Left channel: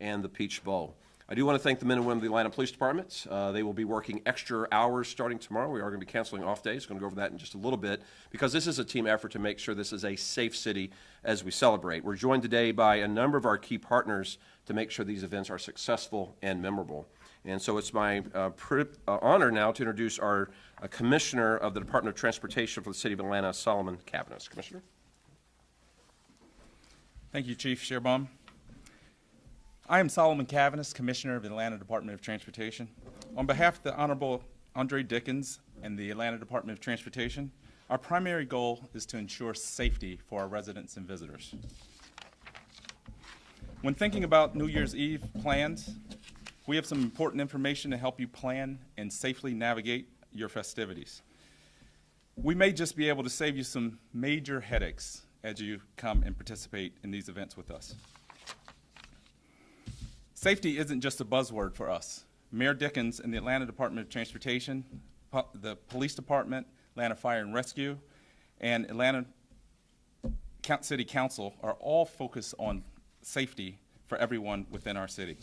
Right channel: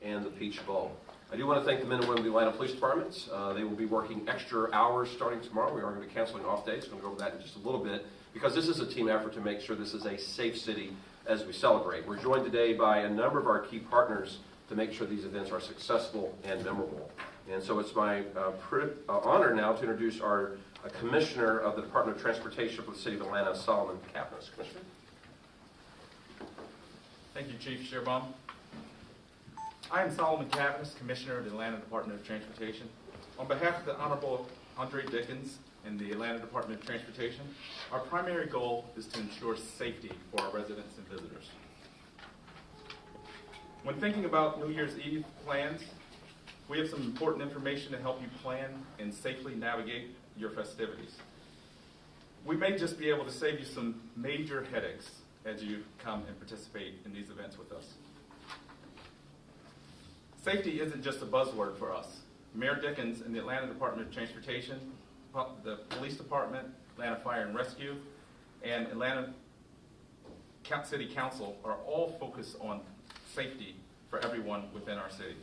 and the Peach Bowl. I do want to thank the men and women of the Atlanta Police Department. They will be working extra hours starting tomorrow. We are going to be canceling off days. We're going to go over that in just a little bit because this is a team effort to make sure this is a safe city as we celebrate. We're joined today by a number of our key partners to make sure these events are successful and memorable. And so it's my honor now to introduce our Commissioner of the Department of Transportation for the City of Atlanta, Solomon Cavanis. Commissioner. Thank you, Chief Shearbon. I am Solomon Cavanis, Commissioner of the Atlanta Department of Transportation. On behalf of the Honorable Andre Dickens and the Atlanta Department of Transportation, our primary goal is to ensure safety for our residents and visitors. When thinking about New Year's Eve plans, we have some important information to help you plan and safely navigate your festivities. We may just be able to save you some major headaches as you come and participate in these events with us. Safety isn't just a buzzword for us. Mayor Dickens and the Atlanta Department of Transportation, the Police Department, Atlanta Fire and Rescue, and Atlanta City Council are all focused on safety for everyone within our city.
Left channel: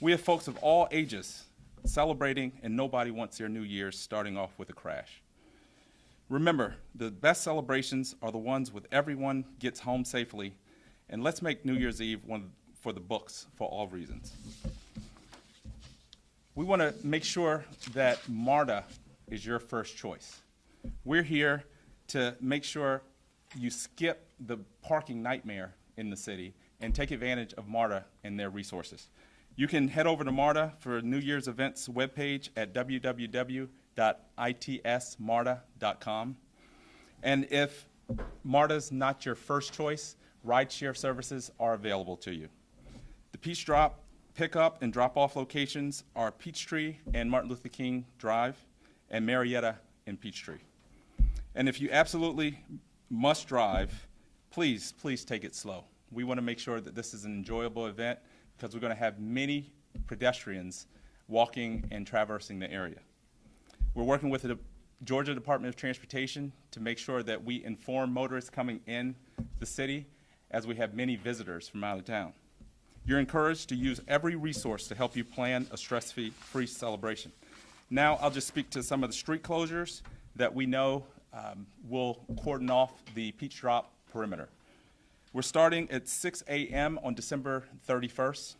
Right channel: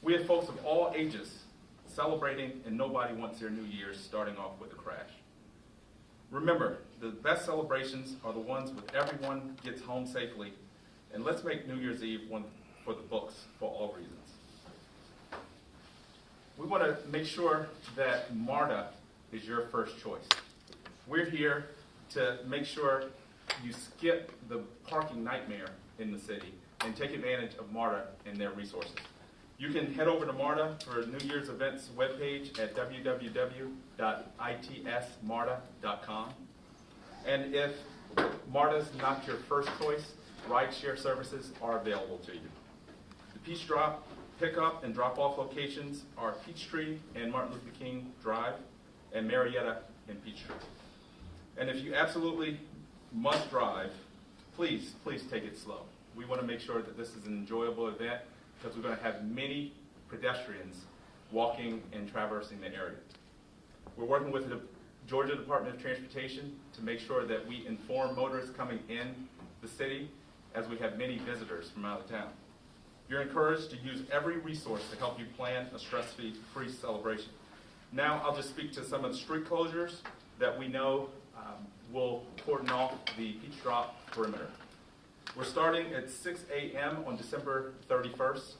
We have folks of all ages celebrating, and nobody wants their New Year's starting off with a crash. Remember, the best celebrations are the ones with everyone gets home safely, and let's make New Year's Eve one for the books for all reasons. We want to make sure that MARTA is your first choice. We're here to make sure you skip the parking nightmare in the city and take advantage of MARTA and their resources. You can head over to MARTA for a New Year's events webpage at www.itsmarta.com. And if MARTA's not your first choice, rideshare services are available to you. The Peach Drop pickup and drop-off locations are Peachtree and Martin Luther King Drive and Marietta and Peachtree. And if you absolutely must drive, please take it slow. We want to make sure that this is an enjoyable event because we're going to have many pedestrians walking and traversing the area. We're working with the Georgia Department of Transportation to make sure that we inform motorists coming in the city as we have many visitors from out of town. You're encouraged to use every resource to help you plan a stress-free celebration. Now I'll just speak to some of the street closures that we know will cordon off the Peach Drop perimeter. We're starting at 6 a.m. on December 31st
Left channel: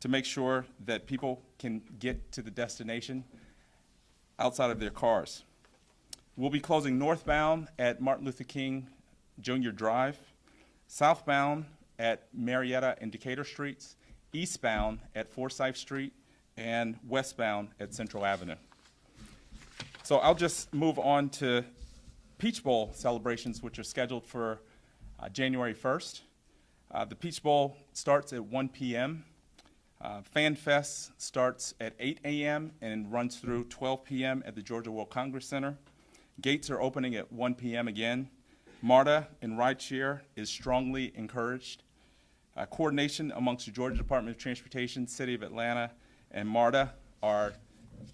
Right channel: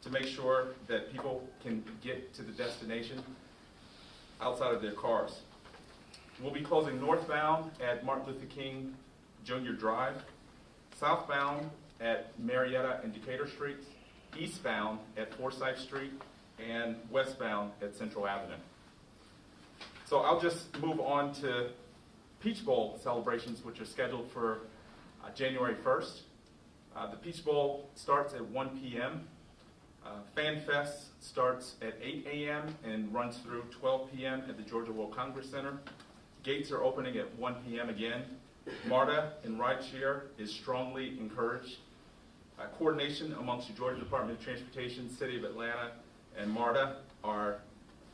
to make sure that people can get to the destination outside of their cars. We'll be closing northbound at Martin Luther King Jr. Drive, southbound at Marietta and Decatur Streets, eastbound at Forsyth Street, and westbound at Central Avenue. So I'll just move on to Peach Bowl celebrations, which are scheduled for January 1st. The Peach Bowl starts at 1 p.m. Fan Fest starts at 8 a.m. and runs through 12 p.m. at the Georgia World Congress Center. Gates are opening at 1 p.m. again. MARTA and rideshare is strongly encouraged. Coordination amongst the Georgia Department of Transportation, City of Atlanta, and MARTA are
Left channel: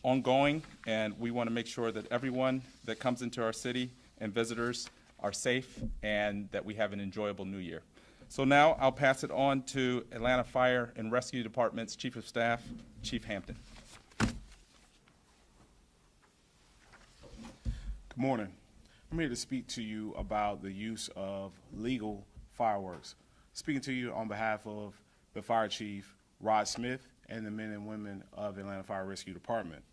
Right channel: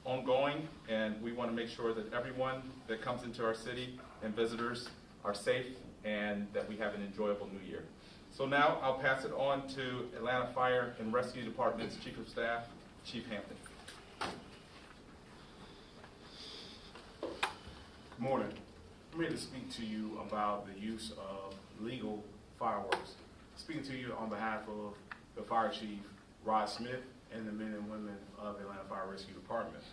ongoing, and we want to make sure that everyone that comes into our city and visitors are safe and that we have an enjoyable New Year. So now I'll pass it on to Atlanta Fire and Rescue Department's Chief of Staff, Chief Hampton. Good morning. I'm here to speak to you about the use of legal fireworks. Speaking to you on behalf of the Fire Chief, Rod Smith, and the men and women of the Atlanta Fire Rescue Department.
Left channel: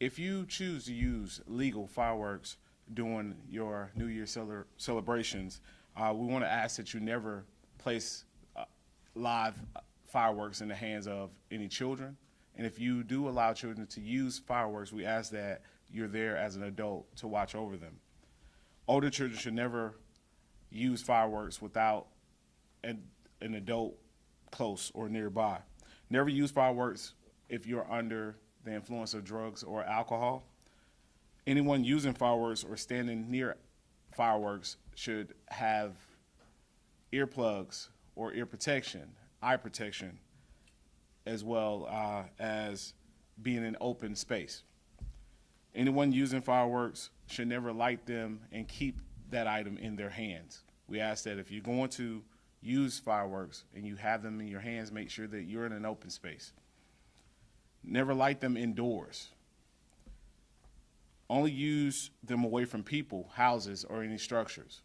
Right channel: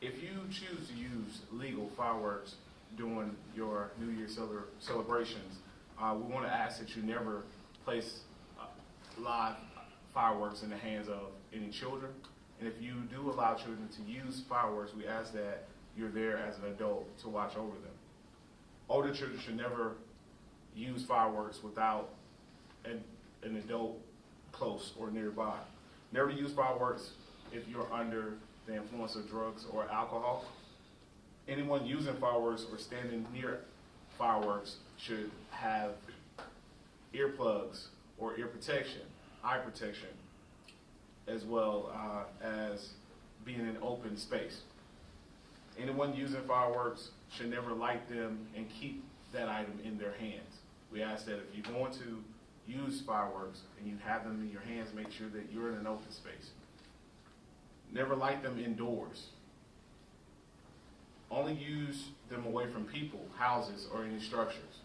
If you choose to use legal fireworks during your New Year's celebrations, we want to ask that you never place live fireworks in the hands of any children. And if you do allow children to use fireworks, we ask that you're there as an adult to watch over them. Older children should never use fireworks without an adult close or nearby. Never use fireworks if you're under the influence of drugs or alcohol. Anyone using fireworks or standing near fireworks should have earplugs or ear protection, eye protection, as well as being in open space. Anyone using fireworks should never light them and keep that item in their hands. We ask that if you're going to use fireworks and you have them in your hands, make sure that you're in an open space. Never light them indoors. Only use them away from people, houses, or any structures.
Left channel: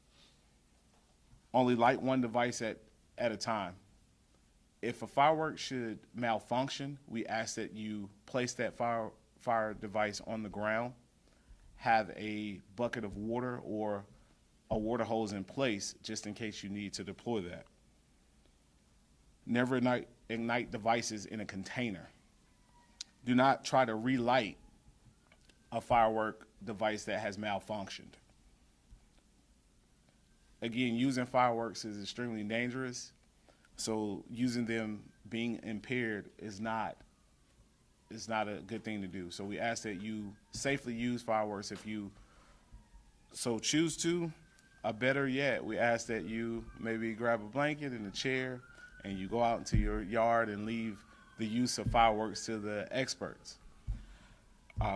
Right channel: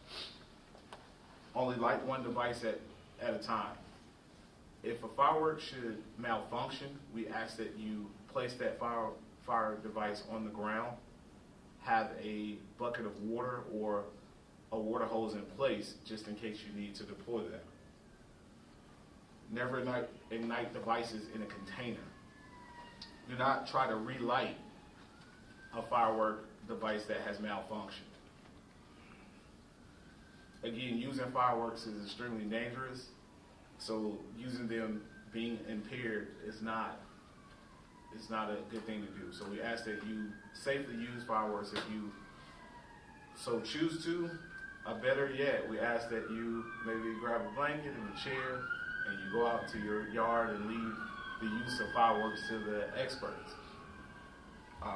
Only light one device at a time. If a firework should malfunction, we ask that you place that fire device on the ground, have a bucket of water or a water hose in place just in case you need to deploy that. Never ignite devices in a container. Do not try to relight a firework device that has malfunctioned. Again, using fireworks is extremely dangerous, so using them being impaired is not a good thing to do. So we ask that you safely use fireworks if you so choose to. Better yet, we ask that you maybe grab a blanket and a chair and you go out into your yard and leave the use of fireworks to the experts.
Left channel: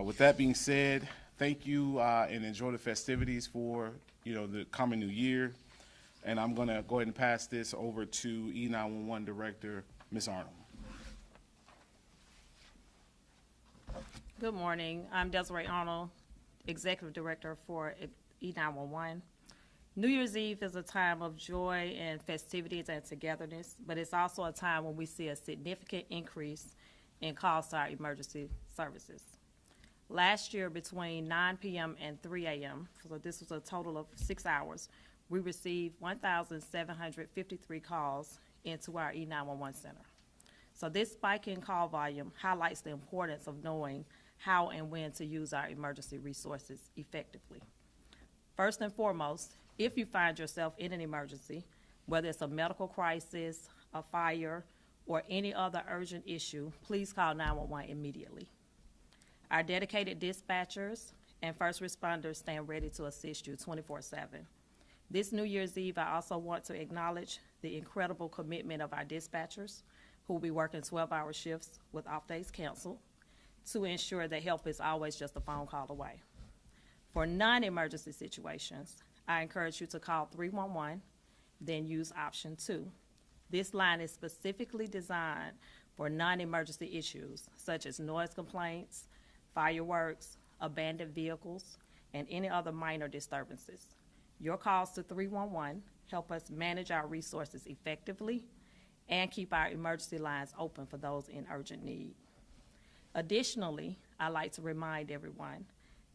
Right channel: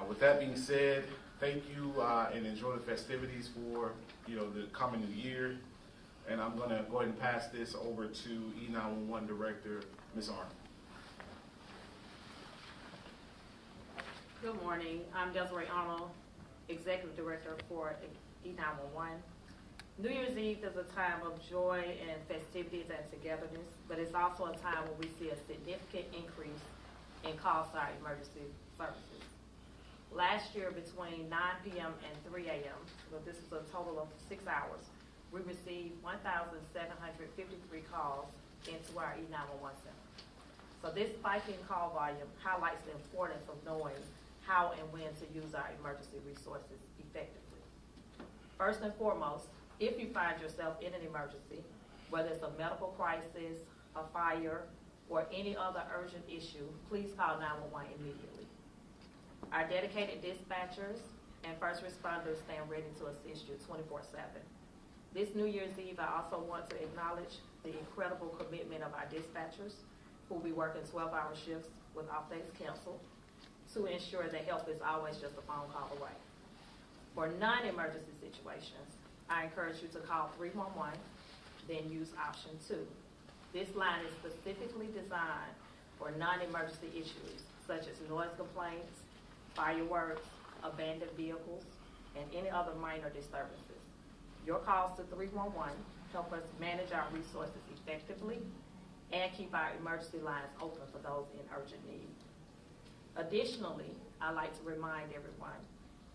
With that being said, thank you and enjoy the festivities for the coming new year. And I'm going to go ahead and pass this over to E911 Director, Ms. Arnold. Good morning. I'm Desiree Arnold, Executive Director for E911. New Year's Eve is a time of joy and festivities and togetherness, but it's also a time when we see a significant increase in calls to our emergency services. Last year, between 9 p.m. and 3 a.m., so this was a total of 6 hours, we received 1,753 calls into our E911 center. So this spike in call volume highlights the importance of knowing how and when to use our emergency resources effectively. First and foremost, if you find yourself in an emergency, whether it's a medical crisis, a fire, or any other urgent issue, please call 911 immediately. Our dedicated dispatchers and first responders stand ready to assist you 24/7. This New Year's Eve, I also want to acknowledge the incredible commitment of our dispatchers who will be working 12-hour shifts with off days canceled to ensure that help is always just a phone call away. For non-emergency situations, I encourage you to call 311, then use option 2. This line is specifically designed for non-emergency issues such as noise complaints, fireworks, abandoned vehicles, and any other minor disturbances. Your calls to 311 help us manage our resources effectively and keep our emergency lines open for those in urgent need. Additionally, I'd like to remind everyone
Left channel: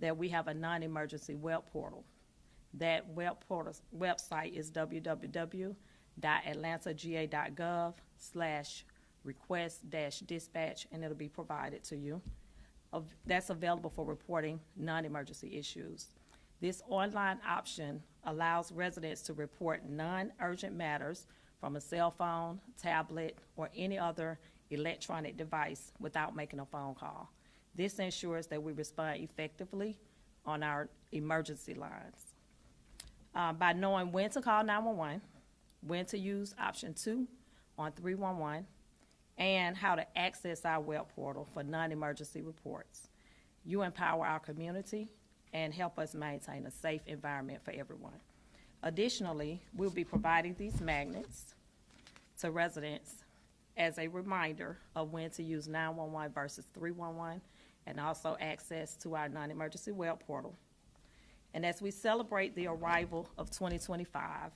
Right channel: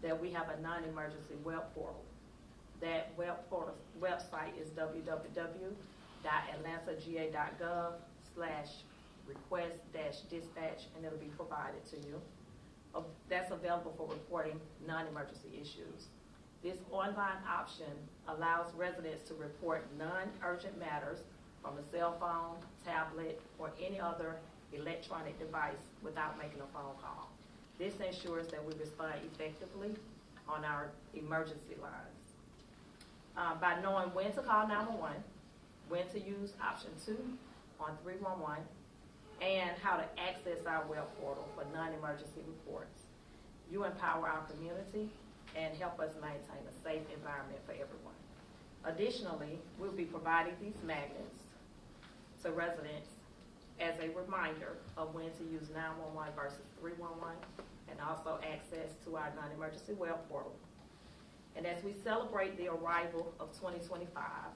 that we have a non-emergency web portal. That website is www.atlantagA.gov/request-dispatch, and it'll be provided to you. That's available for reporting non-emergency issues. This online option allows residents to report non-urgent matters from a cell phone, tablet, or any other electronic device without making a phone call. This ensures that we respond effectively on our emergency lines. By knowing when to call 911, when to use option 2 on 311, and how to access our web portal for non-emergency reports, you empower our community and help us maintain a safe environment for everyone. Additionally, we'll be providing these magnets to residents as a reminder of when to use 911 versus 311, and also access to our non-emergency web portal. And as we celebrate the arrival of 2025,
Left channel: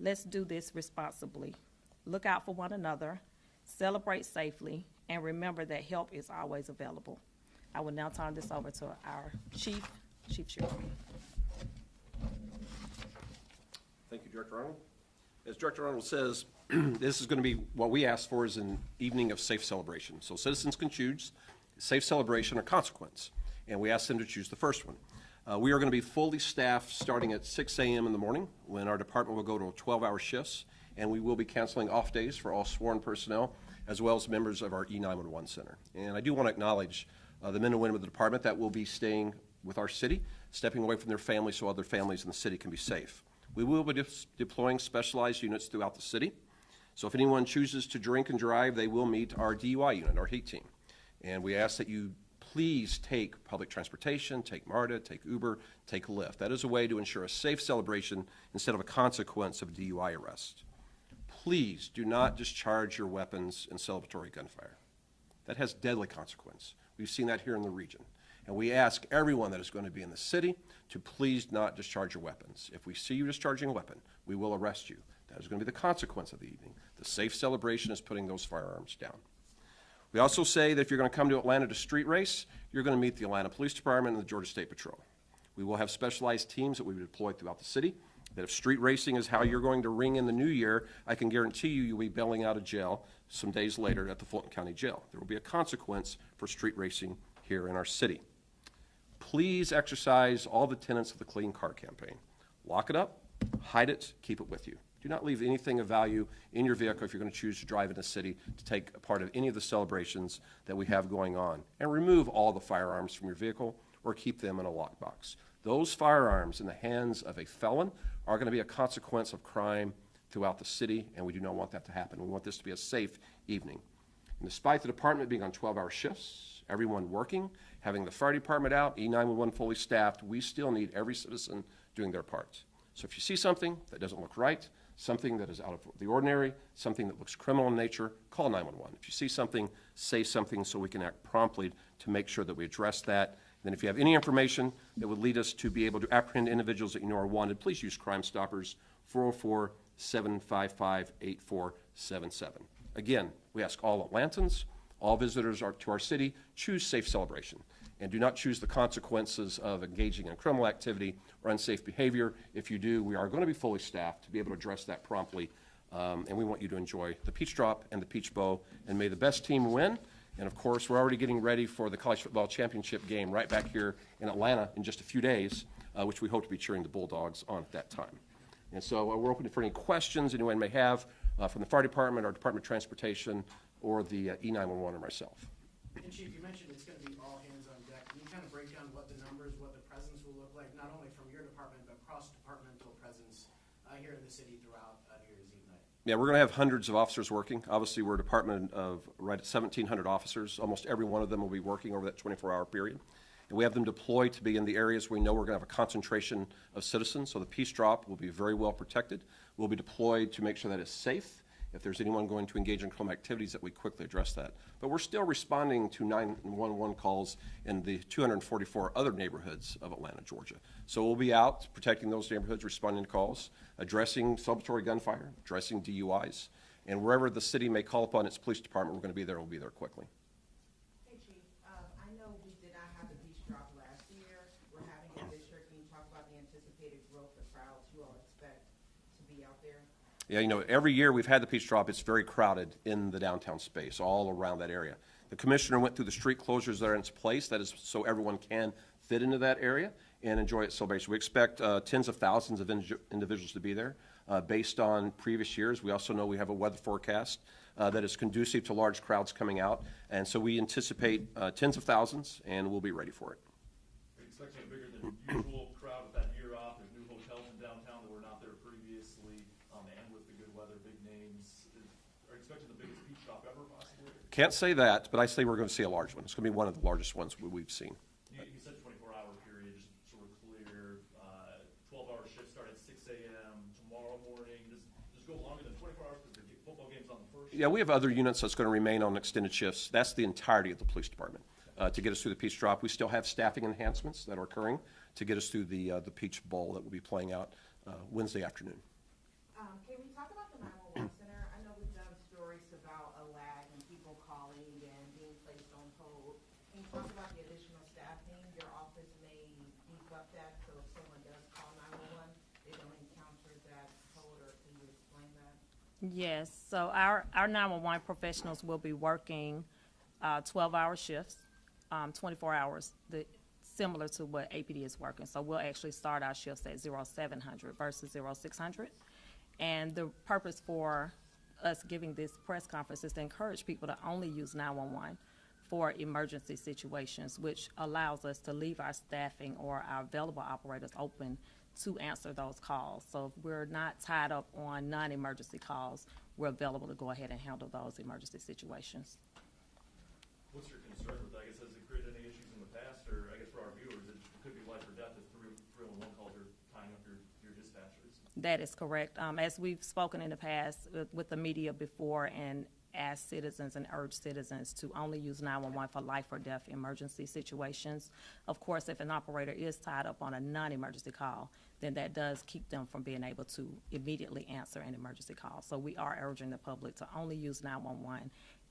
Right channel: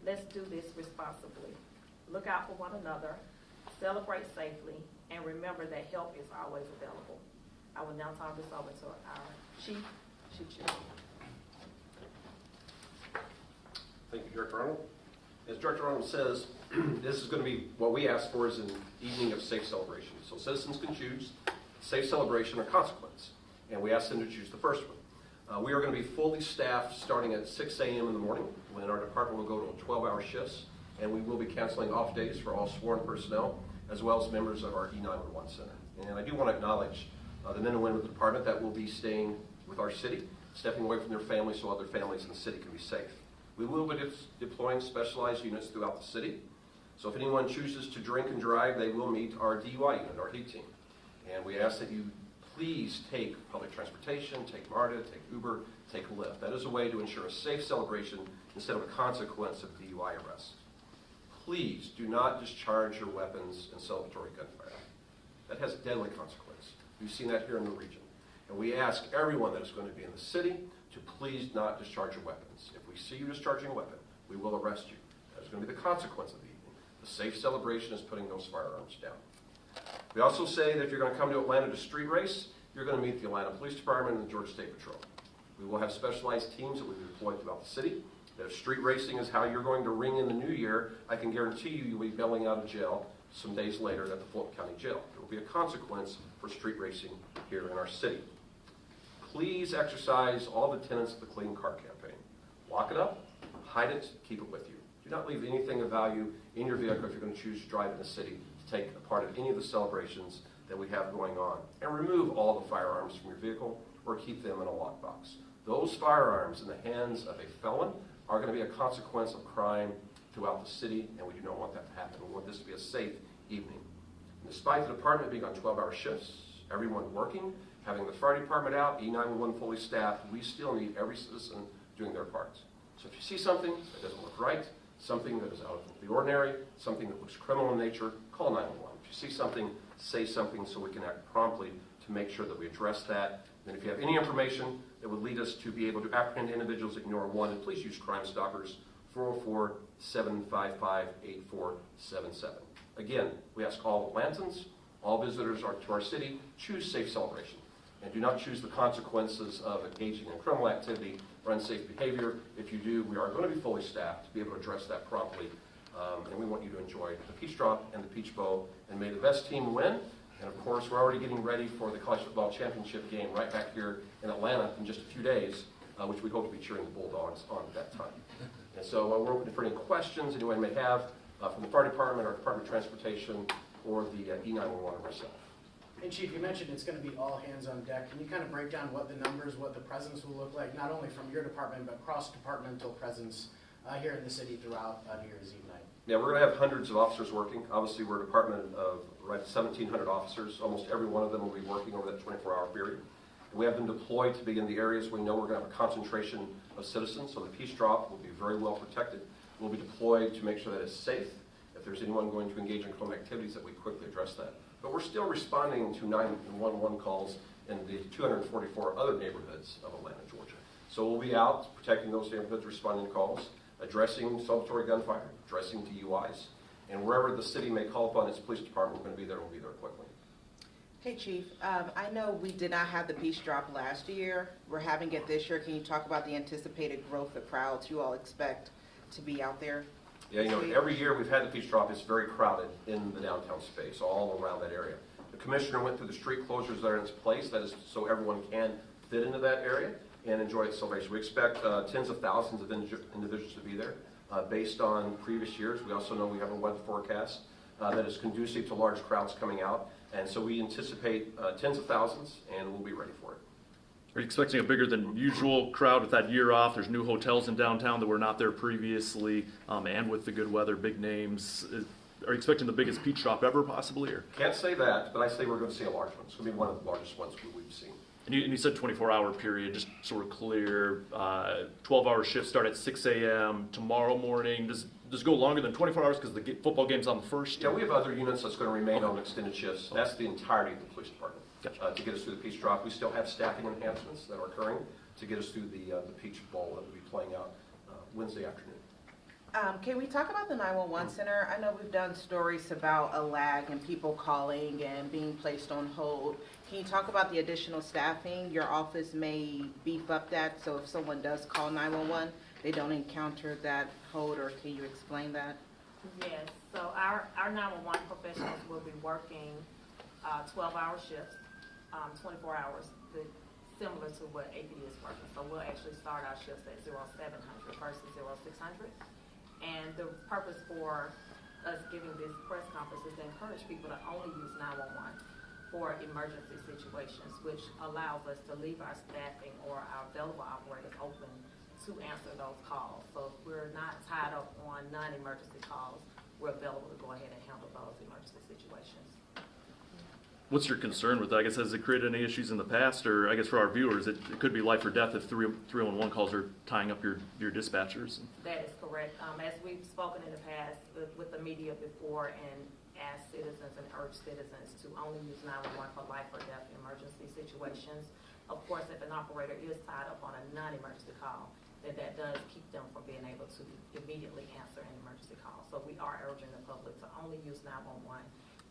let's do this responsibly. Look out for one another, celebrate safely, and remember that help is always available. I will now turn this over to our Chief Cherry. Thank you, Director Arnold. As Director Arnold says, this is going to be what we asked for is an evening of safe celebration. So citizens can choose safe celebration or consequence, and we asked them to choose the first one. We are going to be fully staffed starting at 6 a.m. in the morning when our department will go to 12-hour shifts, and we will be canceling off days for all sworn personnel as well as members of our E911 Center. And I do want to acknowledge the men and women of the department that will be staying with our city, stepping away from their families so other families in the city can be safe. We will be deploying specialized units throughout the city. So if anyone chooses to drink and drive, they will meet our DUI unit, our HEAT team. And we ask that you please take public transportation, take MARTA, take Uber, take Lyft. That is a way to ensure a safe celebration instead of a consequence of DUI arrest. please do not discharge your weapons in celebratory gunfire. That has deadly consequence. We've seen that here in the region. And we ask everyone that is going to be in the city to please not discharge your weapons. If we see you discharging a weapon, we will arrest you. That is going to be the consequence of the evening. The safe celebration is putting those firearms down. We also say that if you're going to come to Atlanta to street race, you're going to meet the Atlanta Police Department and the Georgia State Patrol. We will have specialized teams that we deploy throughout the city. That if street racing is how you're going to ring in the new year, I can guarantee you you'll be bailing out of jail some days later at the Fulton County Jail. There will be a consequence for street racing here in our city. Please exercise all the tenets of the Clean Car Campaign. Lock it up, hide it, keep it with you. Do not leave anything of value in your vehicle if you're going to choose to drive in the city to take a part of any of the celebrations that we have going on. And remove all the firearms from your vehicle or keep them in a lockbox. Those firearms in the hands of a felon are going to be a consequence of crime throughout the city, and we do not want that to happen. We want this to be a safe evening. And despite the department being on 12-hour shifts, everyone working, having the fire department out, E911 fully staffed, we still need every citizen doing their part. So if you see something that doesn't look right, something that is out of the ordinary, something that looks criminal in nature, call 911. If you see something, say something so we can act promptly to make sure that we address that. Then if you have any information that would lead us to be able to apprehend individuals that you know are wanted, please use Crime Stoppers, 404-755-8477. Again, we ask all Atlantans, all visitors to our city, choose safe celebration. And do not choose the consequences of engaging in criminal activity or unsafe behavior. If you do, we are going to be fully staffed to be able to address that promptly. And we want you to enjoy the Peach Drop and the Peach Bow. And may the best team win. And of course, we're already getting ready for the College Football Championship game right back here in Atlanta in just a few days, which we hope to be cheering the Bulldogs on at that time. And so we're open for any questions anyone may have from the fire department or Department of Transportation or the E911 or myself. And Chief, you mentioned it's going to be all hands on deck. Can you kind of break down what the numbers, what the presence will look like, not only from your department, but cross-departmental presence here in the city throughout New Year's Eve night? Yeah, we're going to have hundreds of officers working. Obviously, we're a department of right 1,700 officers. Almost every one of them will be working over that 24-hour period. And we have them deployed to be in the areas we know we're going to have a concentration of citizens. So the Peace Drop will be very well protected. We'll be deployed to make sure that it's safe. If there's anyone going to engage in criminal activities, that we quickly address that. But we're still responding to 911 calls in the 244 other neighborhoods of Atlanta, Georgia. So we'll be out protecting those neighborhoods, responding to calls, addressing celebratory gunfire, addressing DUIs, and wherever the city may call upon its police department, we're going to be there and we'll be there quickly. Hey Chief, I know we did not have the Peace Drop last year. We're having it this year. Can you talk about the anticipated growth of crowds you all expect to be out there? Yeah, you know, every year we've had the Peach Drop, it's very crowded in the downtown space, all around that area. The commissioner went through the street closures that are in its place, that is so everyone can fit into that area and enjoy its celebration. We expect tens of thousands of individuals to be there based on previous years. We also know we have a weather forecast that is conducive to large crowds coming out, and so we anticipate tens of thousands, and we'll be ready for it. Are you expecting a bigger than usual crowd with that year off? There's new hotels in downtown that were not there previously, and with the good weather, big names. Are you expecting the biggest Peach Drop ever, possibly? Or? Can't say that, but I say we're going to see a large one. It's going to be one of the largest ones we've seen. And you said 24-hour period, just so we're clear. 12-hour shifts start at 6 a.m. tomorrow morning. Does it go longer than 24 hours because the football game's on the first? Yeah, we have other units that's going to remain on extended shifts. That's the entirety of the police department. Gotcha. To get us through the Peach Drop. We still have staffing enhancements that are occurring to get us through the Peach Bowl that will be playing out Wednesday afternoon. Can we talk about the 911 center? I know we've done stories about a lag and people calling and being placed on hold. Can you talk about the additional staffing? Your office may beef up that, so if someone does call 911, they don't encounter that hold, or can you explain that? Yes, so our 911 professionals will be working 12-hour shifts, 24 hours, similar to what APD is working. So we'll actually start our shifts at 0700 versus 0600. And the purpose for us giving this press conference is to encourage people to only use 911 for emergency situations, which allows us to leave our staffing or our available operators open to answer those calls. So if we're not tied up on non-emergency calls, we're available to go ahead and handle those emergency situations. what's your concern with that? I guess, has it created any issues in the past, or I guess for our viewers, it could be life or death if 311 calls are tying up your dispatchers? That is correct. As we've spoken in the past with the media before and asked citizens and urged citizens to only use 911 for life or death emergency situations. Of course, if an operator is tied up on a non-emergency call, then that does keep them from being able to immediately answer an emergency call. So we are urging the public to only use 911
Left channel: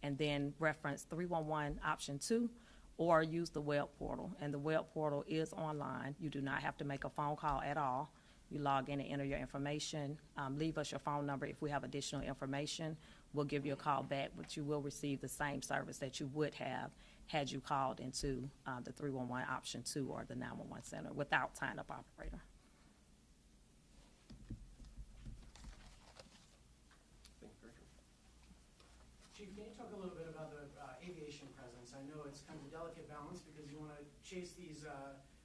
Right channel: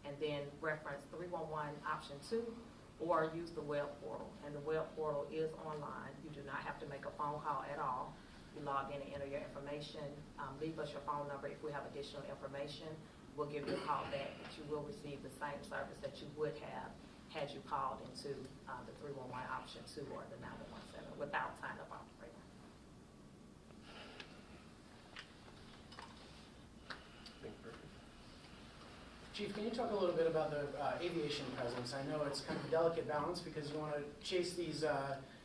and then reference 311 option 2 or use the web portal. And the web portal is online. You do not have to make a phone call at all. You log in and enter your information. Leave us your phone number if we have additional information. We'll give you a call back, but you will receive the same service that you would have had you called into the 311 option 2 or the 911 center without tying up operator. Chief, can you talk a little bit about the aviation presence? I know it's kind of a delicate balance because you want to chase these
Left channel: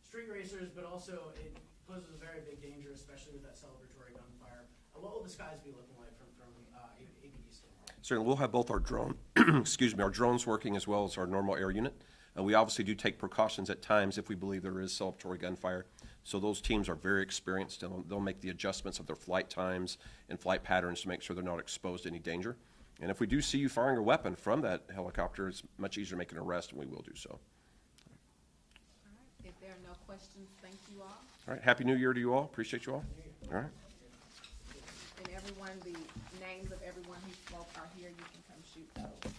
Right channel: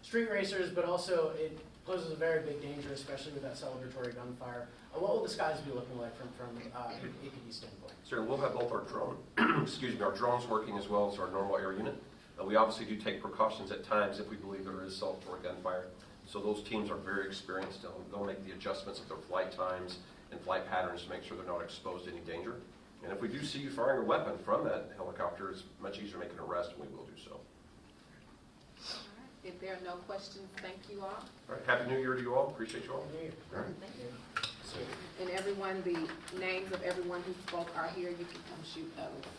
street racers, but also it poses a very big danger, especially with that celebratory gunfire. What will the skies be looking like from APD standpoint? So we'll have both our drone, excuse me, our drones working as well as our normal air unit. We obviously do take precautions at times if we believe there is celebratory gunfire. So those teams are very experienced. They'll make the adjustments of their flight times and flight patterns to make sure they're not exposed to any danger. And if we do see you firing a weapon from that helicopter, it's much easier to make an arrest, and we will do so. All right. If there are no questions, thank you all. All right, Happy New Year to you all. Appreciate you all. All right. And everyone, the names of everyone who spoke are here. You can come shoot those.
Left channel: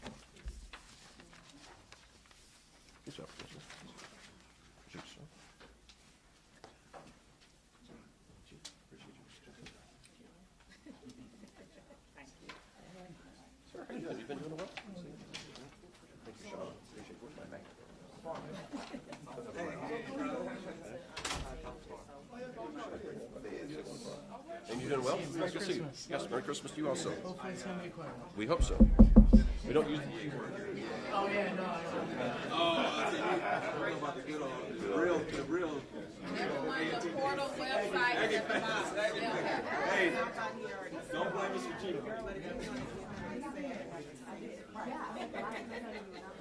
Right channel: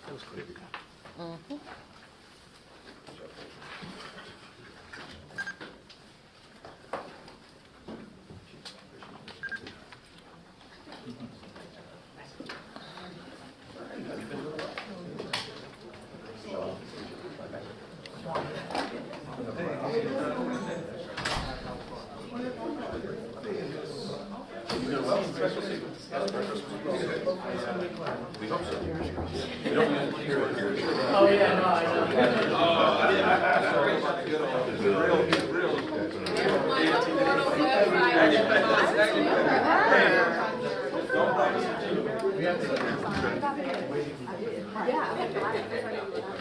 We hope so. Oh, yeah, no, I know. Yeah.